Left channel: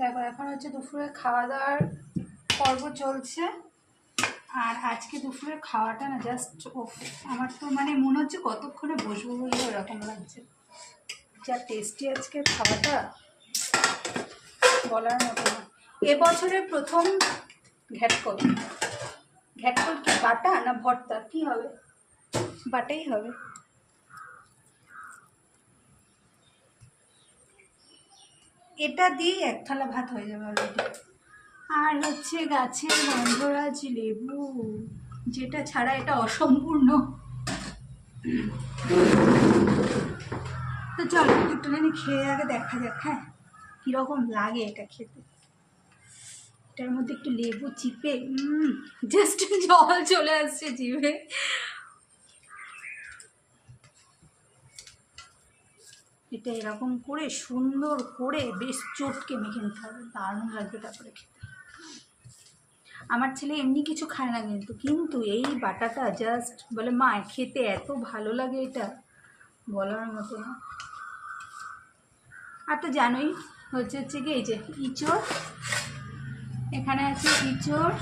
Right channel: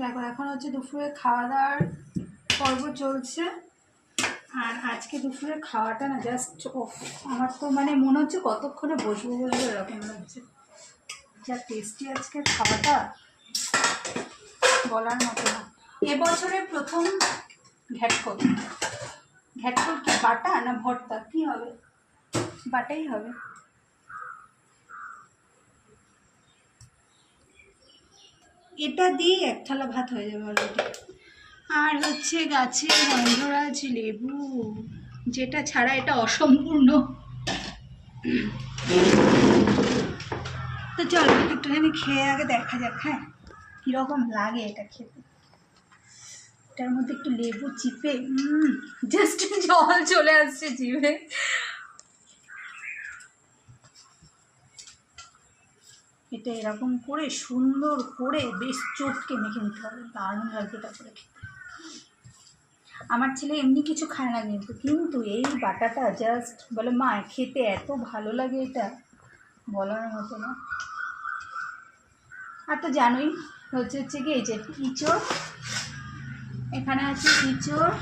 দেখো এখন হচ্ছে দুপুরে খাওয়া দাওয়ার পর্ব চলছে। আর আজকে দুপুরের খাওয়াটা না জাস্ট আমার তো মানে মনে হচ্ছে কতক্ষণে বসবো বসবো এরকম লাগছে। যা টেস্টি আজকের খাওয়াটা বলার মতো না। এবছরের প্রথম ঘ্যাটকল। ঘ্যাটকল কি বাটা না ভর্তা কি হবে? বাটাই হবে। এটা দিয়ে এক থালা ভাত হয়ে যাবে অলরেডি। আর হচ্ছে গাছের গন্ধরাজ লেবু, যেটা ছাড়া এটা অসম্পূর্ণ। তো চল একটুখানি খেয়ে আগে দেখা যাক হ্যাঁ কীরকম লাগে এটা খেতে। এটার মধ্যে একটু লেবু চিপে জাস্ট জল চলে আসছে জিভে। এটা এরকম করে সুন্দর করে বেশ চটকে মেখে নিতে হবে, দারুণ লাগবে তারপরে খেতে। আমার ছেলে এমনি কিছু খায় না কিন্তু এই বাটাটা জাস্ট বলে মা খেতে এত ভালো লাগে, এটা বলার মতো না। আর তো জানোই হচ্ছে কি এই যে ইঁচড়, এখানে আছে ইঁচড়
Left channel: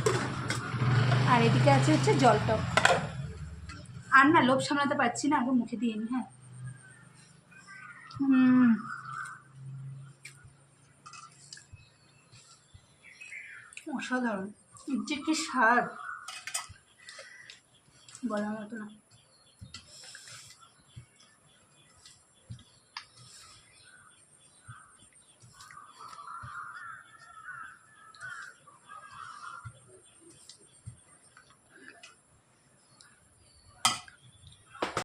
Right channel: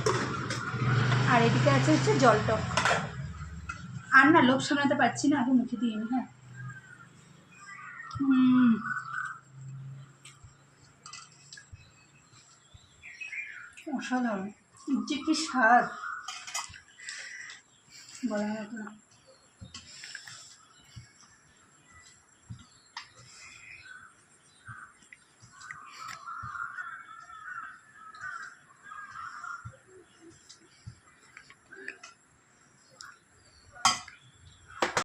আর এদিকে আছে হচ্ছে জলটক। আর না লোভ সামলাতে পারছি না, আগে মুখে দিয়ে নি। হ্যাঁ অসাধারণ, যে কি স্বাদ বলার মতো না।